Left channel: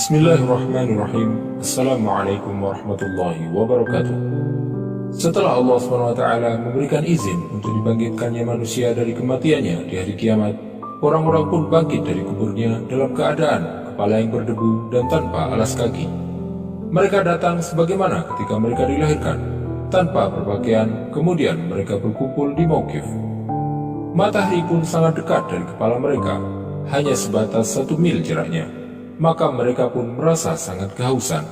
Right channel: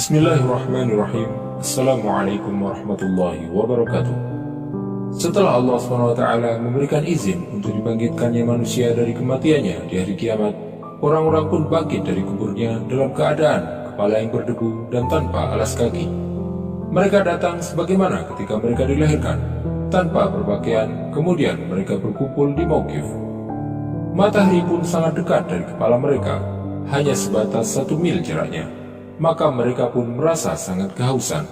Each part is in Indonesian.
Bismillahirrahmanirrahim. Assalamualaikum warahmatullahi wabarakatuh. Setelah Allah SWT memberikan izin untuk dibangkitkannya manusia dari kematiannya di hari kiamat, orang-orang pun bangkit dari kuburnya dalam keadaan kepala yang berdebu dan tanpa alas kaki. Mereka datang sebagaimana ketika mereka dilahirkan, tanpa berpakaian, kemudian mereka berkumpul di Mauqif. Matahari pun sangat dekat dari kepala mereka, hanya sebatas 1 mil jaraknya. Maka mereka pun merasa sangat kehausan.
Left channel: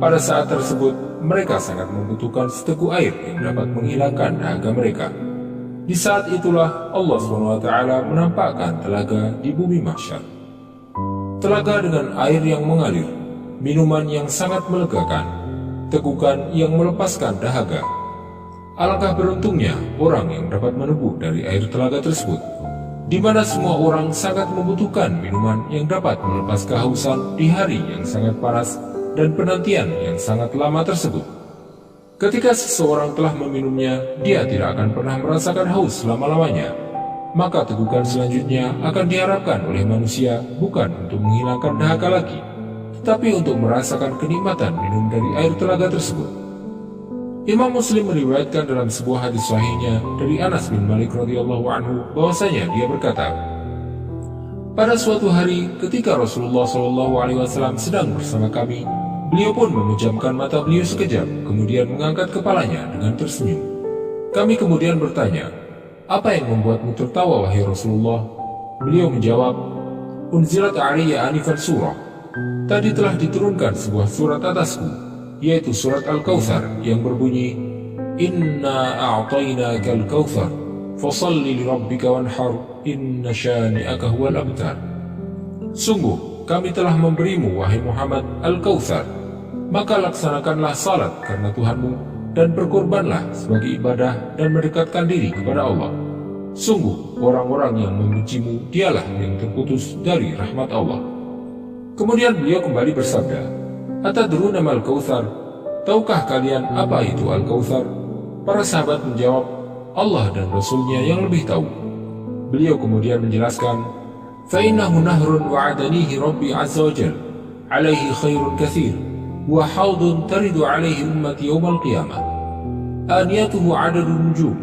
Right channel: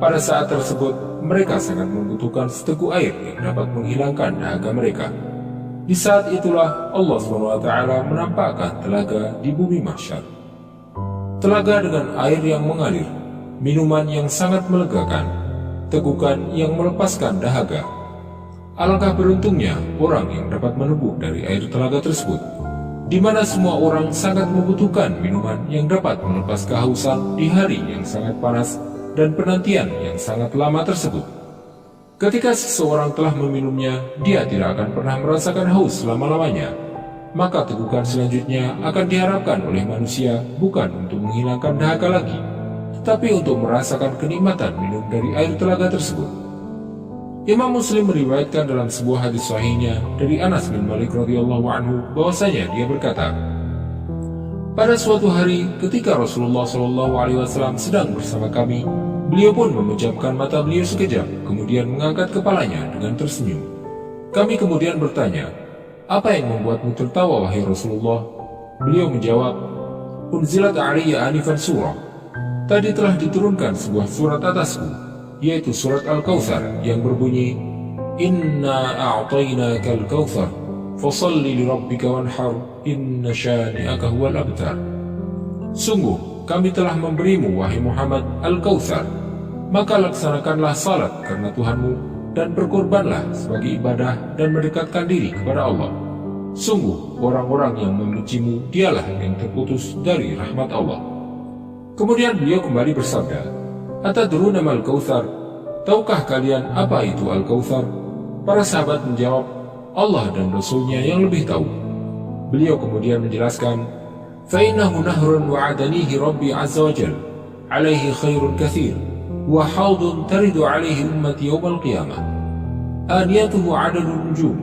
Pada saat tersebut, mereka sangat membutuhkan seteguk air yang dapat menghilangkan dahaga mereka. Di saat itulah Allah SWT menampakkan telaga di bumi mahsyar. Telaga dengan air yang mengalir, minuman yang sangat melegakan, tegukan yang melepaskan dahaga. Alangkah beruntungnya orang yang dapat meneguh dari air telaga tersebut, di mana semua orang sangat membutuhkan minuman yang dapat melepas kehausan di hari yang sangat panas dan penantian yang sangat lama tersebut. Ketika seseorang telah meminumnya, dia tidak akan pernah merasakan haus selama-lamanya. Maka tegukan selanjutnya akan diharapkan oleh manusia bukan untuk menghilangkan dahaga lagi, tetapi untuk merasakan kenikmatan minum dari air telaga tersebut. Imam Muslim meriwayatkan dalam sebuah hadis sahihnya dari Anas bin Malik radhiyallahu anhu bahwasanya dia berkata, pada suatu hari ketika Rasulullah SAW sedang bersama kami, beliau pun memejamkan mata beliau sekejap, kemudian mengangkat kepalanya dengan tersenyum. Kami kemudian bertanya, apa yang membuatmu tertawa wahai Rasulullah? Beliau menjawab, unzilat aliyya anifan surah. Tadi telah diturunkan sebuah surat atasku, yaitu surat Al-Kautsar yang berbunyi, Inna a'tainakal kautsar fasalli lirabbika wanhar inna syani'aka huwal abtar. Sungguh kami telah memberimu wahai Muhammad Al-Kautsar, maka laksanakanlah salat karena Tuhanmu dan berkorbanlah sebagai ibadah dan mendekatkan diri kepada Allah. Sungguh orang-orang yang membencimu dialah yang terputus dari rahmat Allah. Kemudian beliau kembali bersabda, Atadruna mal kautsar? Tahukah kalian apa itu Al-Kautsar? Para sahabat menjawab, Allah dan Rasulnya yang lebih tahu. Beliau kemudian menjelaskan, Fa'innahu nahrun wa'adanihi Rabbi Azza wa Jal, alaihi khairun kathir, wa hawdun taridu alaihi ummati yawmal qiyamah. Aniyatuhu adadun nujum,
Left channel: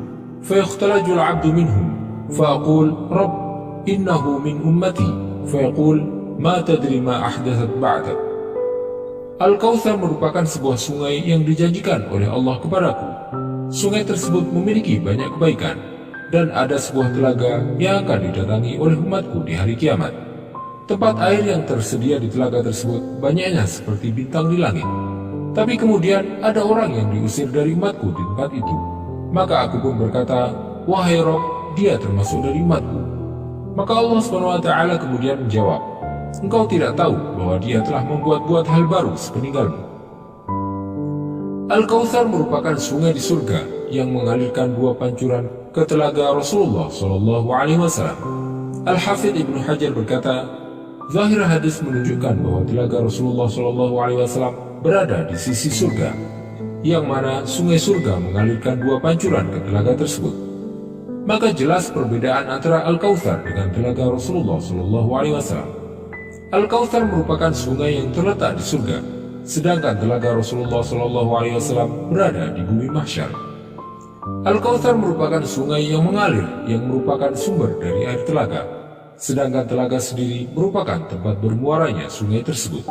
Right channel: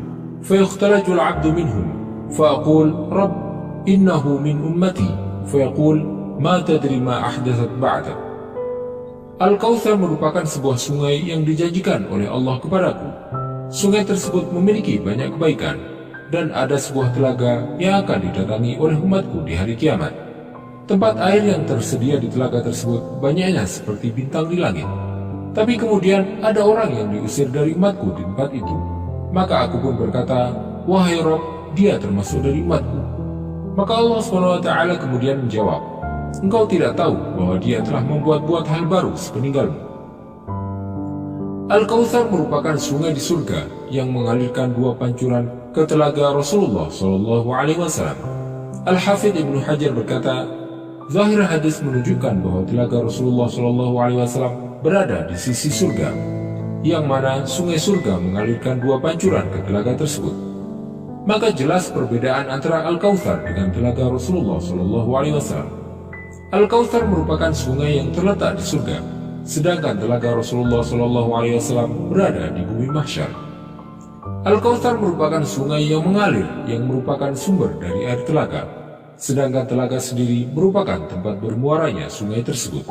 fayukhtalaju al-abdu minhum, fa'aqul, Rabb, innahu min ummati, fayaqul, ma tadri ma ahdathat ba'dak. Al-Kautsar merupakan sebuah sungai yang dijanjikan oleh Allah kepadaku. Sungai tersebut memiliki banyak kebaikan, dan ada sebuah telaga yang akan didatangi oleh umatku di hari kiamat. Tempat air yang tersedia di telaga tersebut banyaknya seperti bintang di langit. Tapi kemudian ada orang yang diusir dari umatku di tempat itu. Maka aku pun berkata, wahai Rabb, dia termasuk dari umatku. Maka Allah SWT kemudian menjawab, engkau tidak tahu bahwa dia telah membuat-buat hal baru sepeninggalmu. Al-Kautsar merupakan sungai di surga yang mengalirkan 2 pancuran ke telaga Rasulullah SAW. Al-Hafidh Ibnu Hajar berkata, zahir hadis menunjukkan bahwa telaga Rasulullah SAW berada di sisi surga, yang mana sungai surga mengalirkan 2 pancuran ke telaga tersebut. Maka jelas perbedaan antara Al-Kautsar dengan telaga Rasulullah SAW. Al-Kautsar merupakan sungai yang terletak di surga, sedangkan telaga Rasulullah SAW berada di bumi mahsyar. Al-Kautsar merupakan sungai yang mengalir, yang merupakan sumber dari air telaga, sedangkan telaga sendiri merupakan tempat bermuaranya sungai tersebut.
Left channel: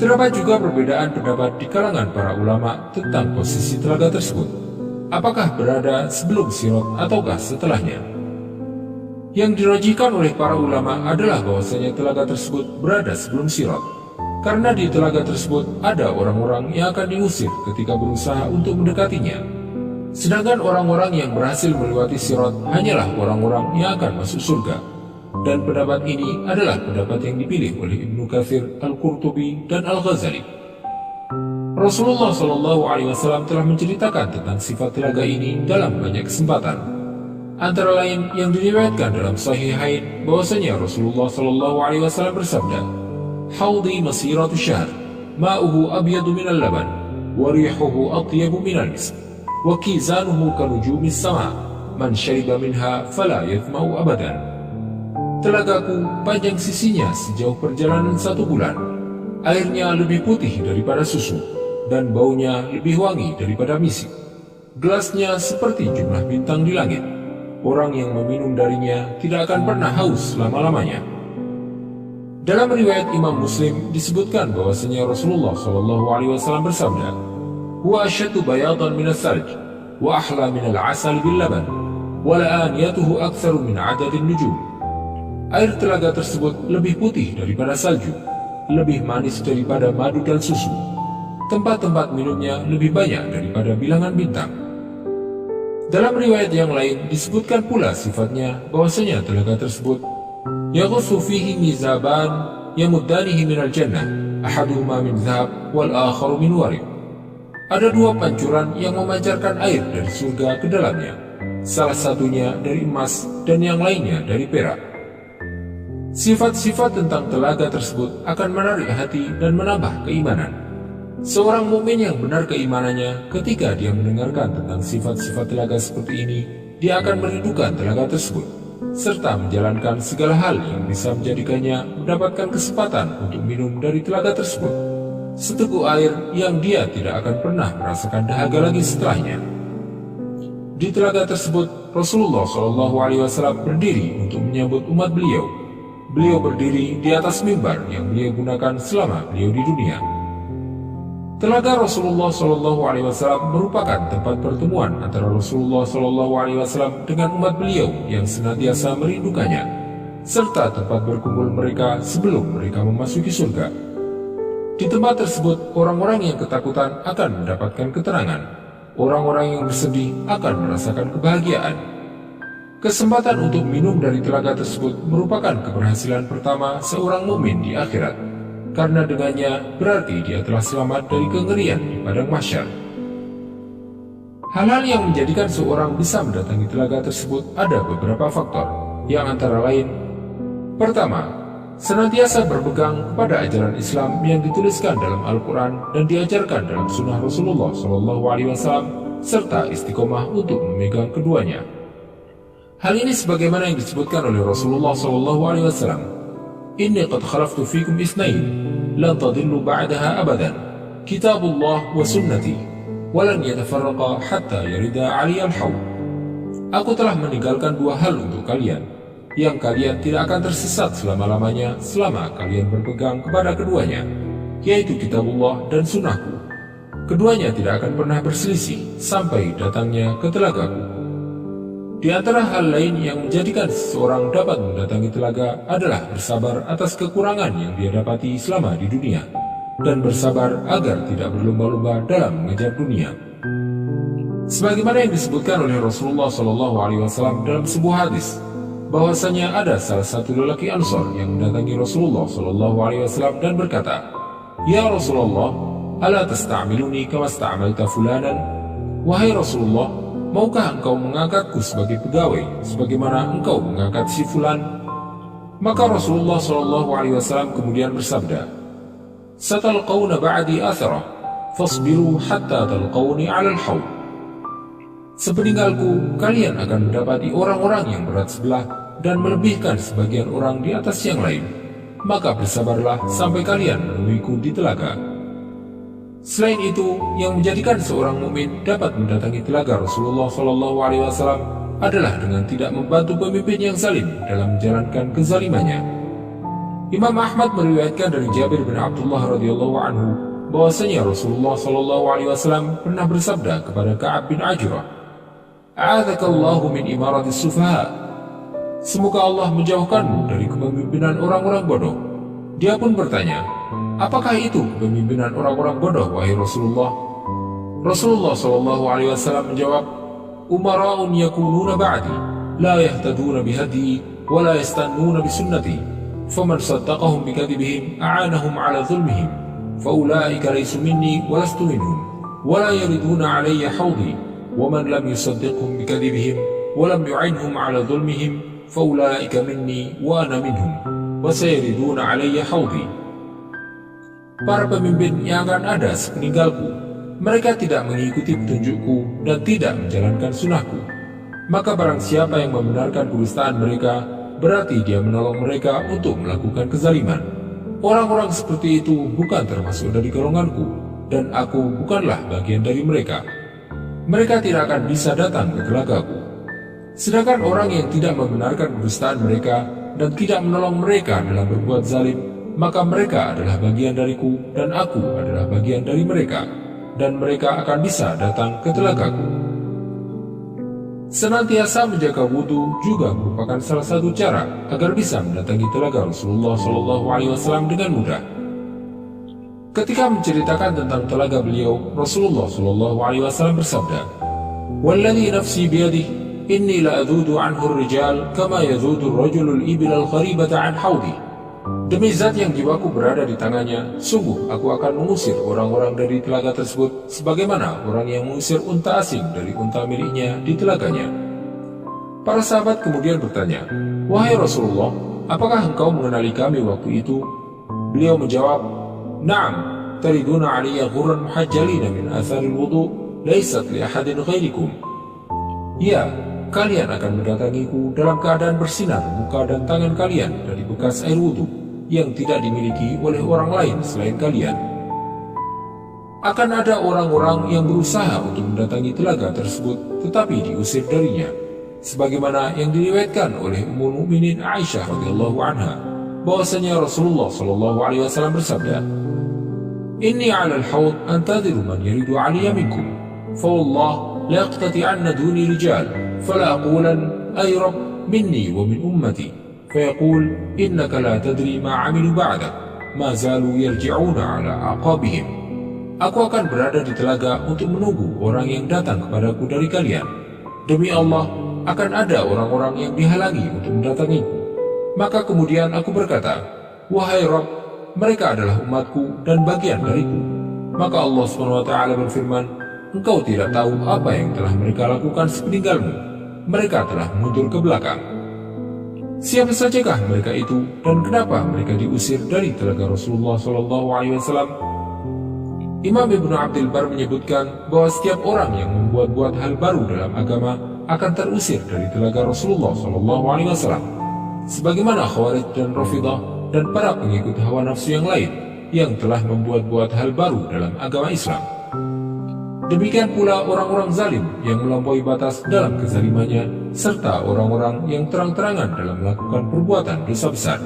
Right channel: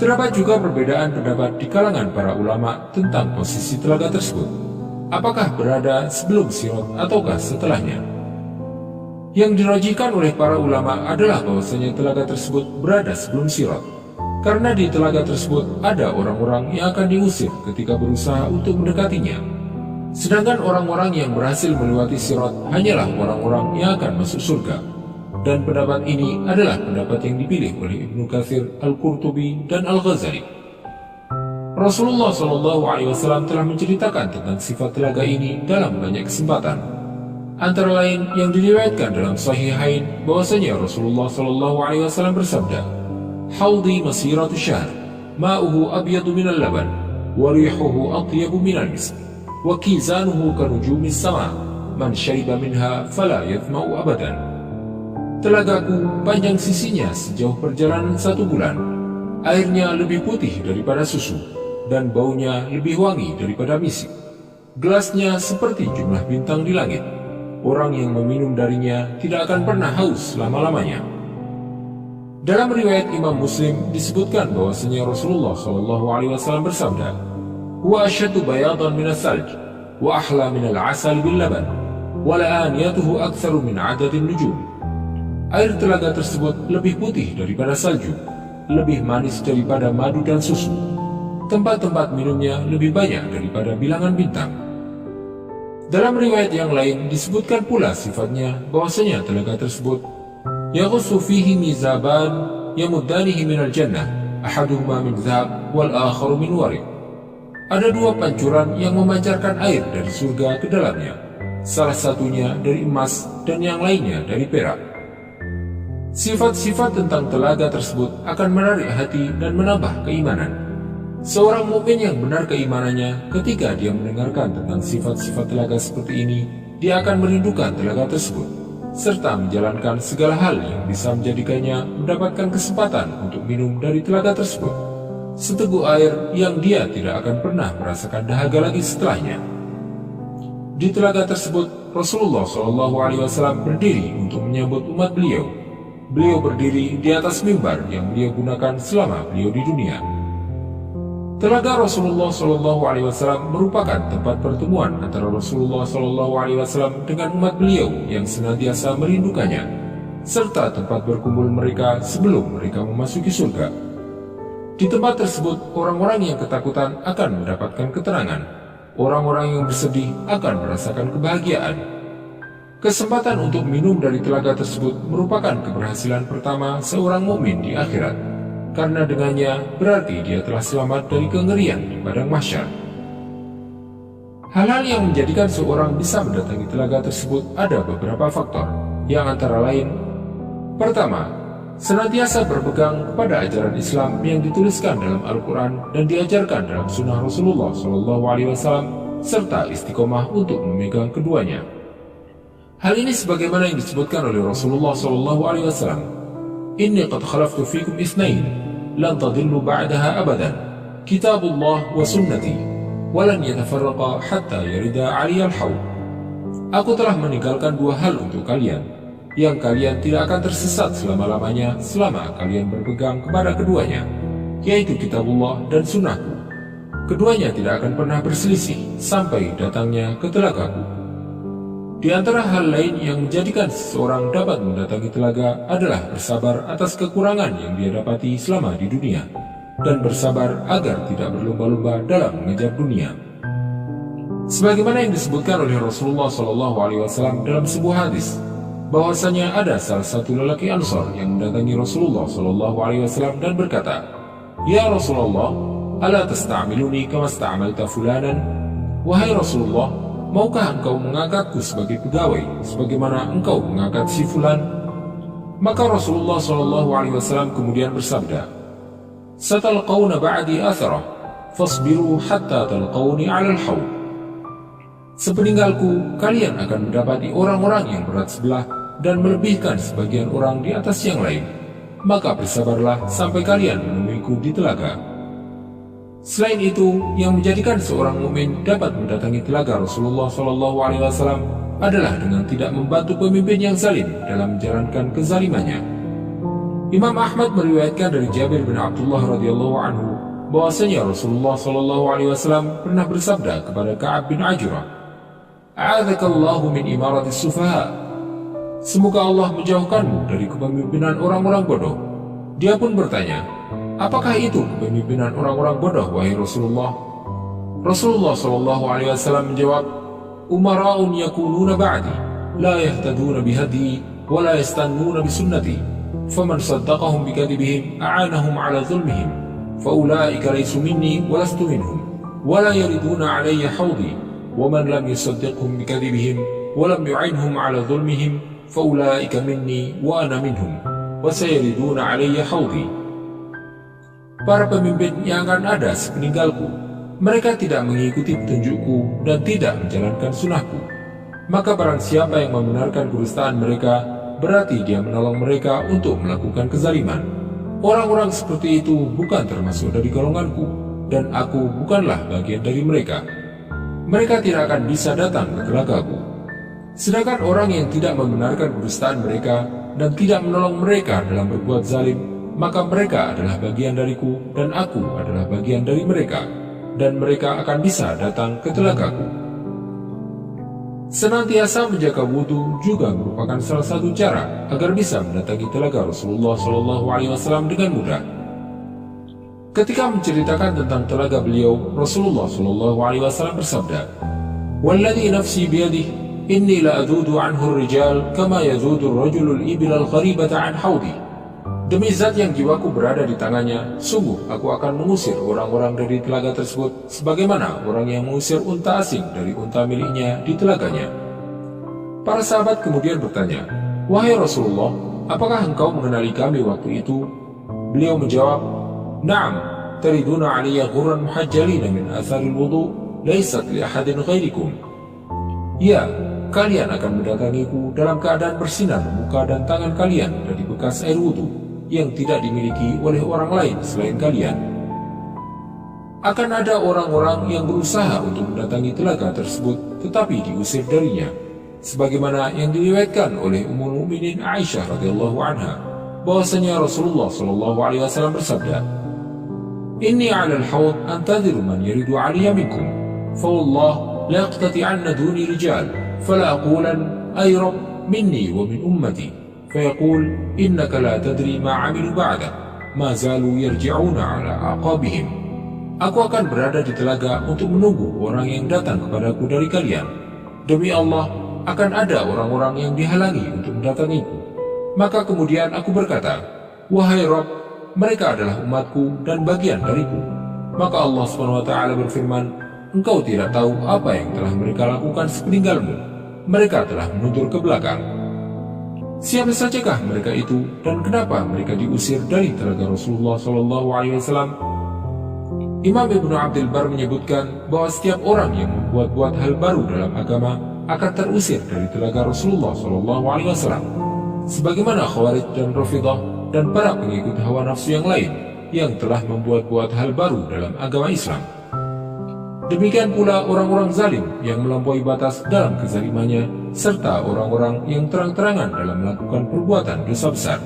Terdapat juga perbedaan pendapat di kalangan para ulama tentang posisi telaga tersebut. Apakah berada sebelum Sirat ataukah setelahnya? Yang dirajihkan oleh para ulama adalah bahwasanya telaga tersebut berada sebelum Sirat, karena di telaga tersebut ada orang-orang yang akan diusir ketika berusaha untuk mendekatinya. Sedangkan orang-orang yang berhasil melewati Sirat hanyalah orang-orang yang akan masuk surga. Dan pendapat ini adalah pendapat yang dipilih oleh Ibnu Katsir, Al-Qurtubi, dan Al-Ghazali. Rasulullah SAW telah menceritakan tentang sifat telaga ini dalam banyak kesempatan. Antara lain yang diriwayatkan dalam Sahihain bahwasanya Rasulullah SAW bersabda, Haudi masiratu syahr, ma'uhu abyadu minal laban, wa rihuhu atyabu minal misk, wa kizanuhu kanujumis sama, man syariba minha fala yathma'u abadan. Telagaku panjang sisinya sejauh perjalanan 1 bulan. Airnya lebih putih daripada susu, dan baunya lebih wangi daripada misik. Gelasnya seperti jumlah bintang di langit. Orang yang meminum darinya tidak akan pernah haus selama-lamanya. Dalam riwayat Imam Muslim disebutkan bahwasanya Rasulullah SAW bersabda, "Huwa asyaddu bayadan minas salj, wa ahla minal asali bil laban, wa la'aniyatuhu aktsaru min adadin nujum." Air telaga tersebut lebih putih daripada salju, lebih manis daripada madu dan susu. Tempat-tempat minumnya lebih banyak daripada bilangan bintang. Dalam riwayat yang lain disebutkan pula sifatnya bahwasanya telaga tersebut yaghussu fihi mizaban yamuddanihi minal jannah, ahaduhuma min dhahab wal akharu min warid. Ada 2 pancuran yang memancarkan air dari surga ke dalamnya, salah satunya dari emas dan yang lainnya dari perak. Sifat-sifat tentang telaga tersebut akan menarik hati dan menambah keimanan. Seorang mukmin yang benar keimanannya, ketika dia mendengarkan tentang sifat-sifat telaga seperti ini, dia akan merindukan telaga tersebut, serta menjalankan segala hal yang bisa menjadikannya mendapatkan kesempatan untuk minum dari telaga tersebut, seteguk air yang dia tidak akan pernah merasakan dahaga lagi setelahnya. Di telaga tersebut, Rasulullah SAW berdiri untuk menyambut umat beliau. Beliau berdiri di atas mimbar yang beliau gunakan selama beliau di dunia. Telaga Rasulullah SAW merupakan tempat pertemuan antara Rasulullah SAW dengan umat beliau yang senantiasa merindukannya, serta tempat berkumpul mereka sebelum mereka memasuki surga. Di tempat tersebut, orang-orang yang ketakutan akan mendapatkan keterangan. Orang-orang yang bersedih akan merasakan kebahagiaan. Kesempatan untuk minum dari telaga tersebut merupakan keberhasilan pertama seorang mukmin di akhirat, karena dengannya berarti dia telah selamat dari kengerian di padang mahsyar. Hal-hal yang menjadikan seorang bisa mendatangi telaga tersebut ada beberapa faktor, yang antara lain: pertama, senantiasa berpegang kepada ajaran Islam yang dituliskan dalam Al-Quran dan diajarkan dalam sunnah Rasulullah SAW, serta istiqomah untuk memegang keduanya. Hal ini sebagaimana yang disebutkan oleh Rasulullah SAW, "Inni qad khalaftu fikum isnain, lan tadillu ba'daha abadan, kitabullah wa sunnati, walan yatafarraqa hatta yarida aliyal haud." Aku telah meninggalkan 2 hal untuk kalian, yang kalian tidak akan tersesat selama-lamanya selama kalian berpegang kepada keduanya, yaitu kitabullah dan sunnahku. Keduanya tidak akan pernah berselisih sampai datangnya ke telagaku. Di antara hal lain yang menjadikan seseorang dapat mendatangi telaga adalah bersabar atas kekurangan yang dia dapati selama di dunia, dan bersabar agar tidak berlomba-lomba dalam mengejar dunia. Sebagaimana yang disebutkan oleh Rasulullah SAW dalam sebuah hadis, bahwasanya ada salah satu lelaki Ansor yang mendatangi Rasulullah SAW dan berkata, "Ya Rasulullah, ala tasta'miluni kama sta'amalta fulanan?" Wahai Rasulullah, maukah engkau mengangkatku sebagai pegawai sebagaimana engkau mengangkat si fulan? Maka Rasulullah SAW kemudian bersabda, "Satalqawna ba'di atharah, fasbiru hatta talqawni 'alal haud." Sepeninggalku, kalian akan mendapati orang-orang yang berat sebelah dan melebihkan sebagian orang di atas yang lain. Maka bersabarlah sampai kalian menemuiku di telaga. Selain itu, yang menjadikan seorang mukmin dapat mendatangi telaga Rasulullah SAW adalah dengan tidak membantu pemimpin yang zalim dalam menjalankan kezalimannya. Imam Ahmad meriwayatkan dari Jabir bin Abdullah radhiyallahu anhu bahwasanya Rasulullah SAW pernah bersabda kepada Ka'ab bin Ajurah, "A'adzakallahu min imaratis sufaha." Semoga Allah menjauhkanmu dari kepemimpinan orang-orang bodoh. Dia pun bertanya, "Apakah itu kepemimpinan orang-orang bodoh, wahai Rasulullah?" Rasulullah SAW menjawab, "Umara'un yakununa ba'di, la yahtaduna bihadi, wa la yastannuna bisunnati, faman saddaqahum bikadibihim, a'anahum ala zulmihim, faulaika laysu minni, wa lastu minhum, wa la yariduna alayya hawdi, wa man lam yusaddiqhum bikadibihim, wa lam yu'inhum ala zulmihim, faulaika minni, wa ana minhum, wa sayariduna alayya hawdi." Para pemimpin yang akan ada sepeninggalku, mereka tidak mengikuti petunjukku dan tidak menjalankan sunnahku. Maka barang siapa yang membenarkan kedustaan mereka, berarti dia menolong mereka untuk melakukan kezaliman. Orang-orang seperti itu bukan termasuk dari golonganku, dan aku bukanlah bagian dari mereka. Mereka tidak akan bisa datang ke telagaku. Sedangkan orang yang tidak membenarkan kedustaan mereka dan tidak menolong mereka dalam berbuat zalim, maka mereka adalah bagian dariku dan aku adalah bagian dari mereka, dan mereka akan bisa datang ke telagaku. Senantiasa menjaga wudhu juga merupakan salah satu cara agar bisa mendatangi telaga Rasulullah SAW dengan mudah. Ketika menceritakan tentang telaga beliau, Rasulullah SAW bersabda, "Walladhi nafsi biyadih, inni la adhudu anhu rijal kama yadhudu rajulul ibil al-gharibata an haudi." Demi zat yang jiwaku berada di tangannya, sungguh aku akan mengusir orang-orang dari telaga tersebut sebagaimana orang yang mengusir unta asing dari unta miliknya di telaganya. Para sahabat kemudian bertanya, "Wahai Rasulullah, apakah engkau mengenali kami waktu itu?" Beliau menjawab, "Na'am, tariduna aliyya ghurran muhajjalina min atharil wudu, laysat li ahadin ghairikum." Ya, kalian akan mendatangiku dalam keadaan bersinar muka dan tangan kalian dari bekas air wudu yang tidak dimiliki oleh orang lain selain kalian. Akan ada orang-orang yang berusaha untuk mendatangi telaga tersebut tetapi diusir darinya, sebagaimana yang diriwayatkan oleh Ummul Mukminin Aisyah radhiyallahu anha bahwasanya Rasulullah SAW bersabda, "Inni 'ala al-hawd antadhiru man yaridu 'alayya minkum, fa wallah la yaqtati'anna duni rijal, fala aqulan ay rabb minni wa min ummati." فيقول إنك لا تدري ما عملوا بعدك ما زالوا يرجعون على أعقابهم. Aku akan berada di telaga untuk menunggu orang yang datang kepadaku dari kalian. Demi Allah, akan ada orang-orang yang dihalangi untuk mendatangiku. Maka kemudian aku berkata, "Wahai Rabb, mereka adalah umatku dan bagian dariku." Maka Allah SWT berfirman, "Engkau tidak tahu apa yang telah mereka lakukan sepeninggalmu. Mereka telah mundur ke belakang." Siapa sajakah mereka itu dan kenapa mereka diusir dari telaga Rasulullah SAW? Imam Ibnu Abdul Bar menyebutkan bahwa setiap orang yang membuat-buat hal baru dalam agama akan terusir dari telaga Rasulullah SAW, sebagaimana Khawarij dan Rafidah dan para pengikut hawa nafsu yang lain yang telah membuat-buat hal baru dalam agama Islam. Demikian pula orang-orang zalim yang melampaui batas dalam kezalimannya, serta orang-orang yang terang-terangan dalam melakukan perbuatan dosa besar.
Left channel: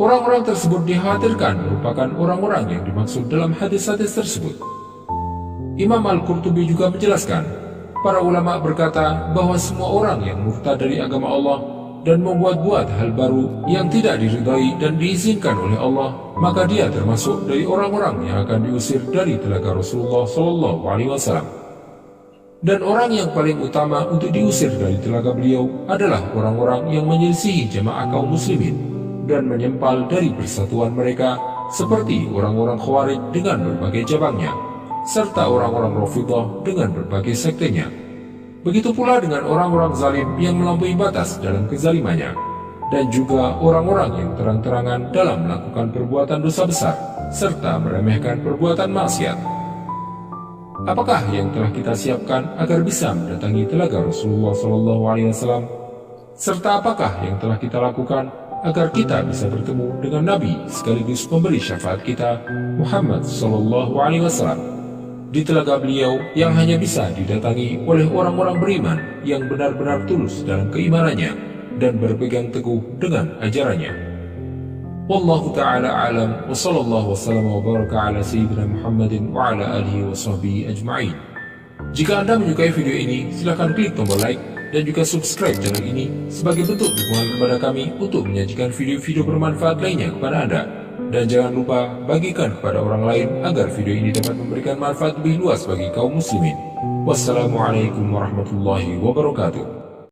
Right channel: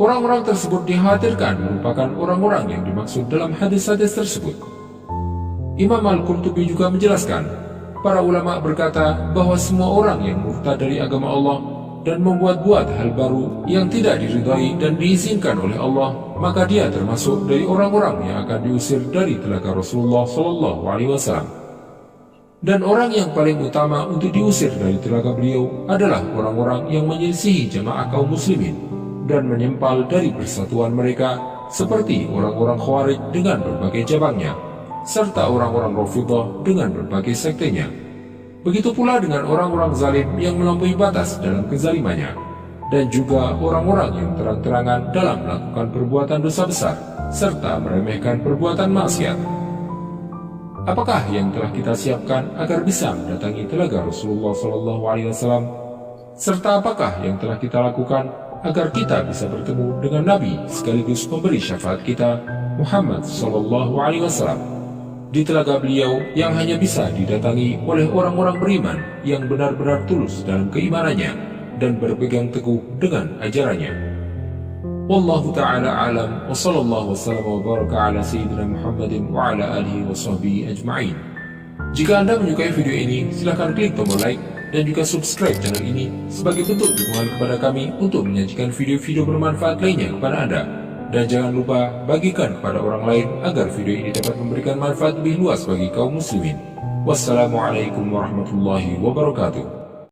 Orang-orang tersebut dikhawatirkan merupakan orang-orang yang dimaksud dalam hadis-hadis tersebut. Imam Al-Qurtubi juga menjelaskan, para ulama berkata bahwa semua orang yang murtad dari agama Allah dan membuat-buat hal baru yang tidak diridhai dan diizinkan oleh Allah, maka dia termasuk dari orang-orang yang akan diusir dari telaga Rasulullah SAW. Dan orang yang paling utama untuk diusir dari telaga beliau adalah orang-orang yang menyelisihi jamaah kaum muslimin dan menyempal dari persatuan mereka, seperti orang-orang Khawarij dengan berbagai cabangnya, serta orang-orang Rafidah dengan berbagai sektenya. Begitu pula dengan orang-orang zalim yang melampaui batas dalam kezalimannya, dan juga orang-orang yang terang-terangan dalam melakukan perbuatan dosa besar, serta meremehkan perbuatan maksiat. Apakah yang telah kita siapkan agar bisa mendatangi telaga Rasulullah SAW? Serta apakah yang telah kita lakukan agar kita bisa bertemu dengan Nabi sekaligus pemberi syafaat kita, Muhammad SAW, di telaga beliau yang hanya bisa didatangi oleh orang-orang beriman yang benar-benar tulus dalam keimanannya dan berpegang teguh dengan ajarannya. Wallahu ta'ala alam, wa sallallahu wa sallam wa baraka ala sayyidina Muhammadin wa ala alihi wa sahbihi ajma'in. Jika Anda menyukai video ini, silakan klik tombol like dan juga subscribe channel ini sebagai bentuk dukungan kepada kami untuk menyajikan video-video bermanfaat lainnya kepada Anda. Dan jangan lupa bagikan kepada orang lain agar video ini dapat memberikan manfaat lebih luas bagi kaum muslimin. Wassalamualaikum warahmatullahi wabarakatuh.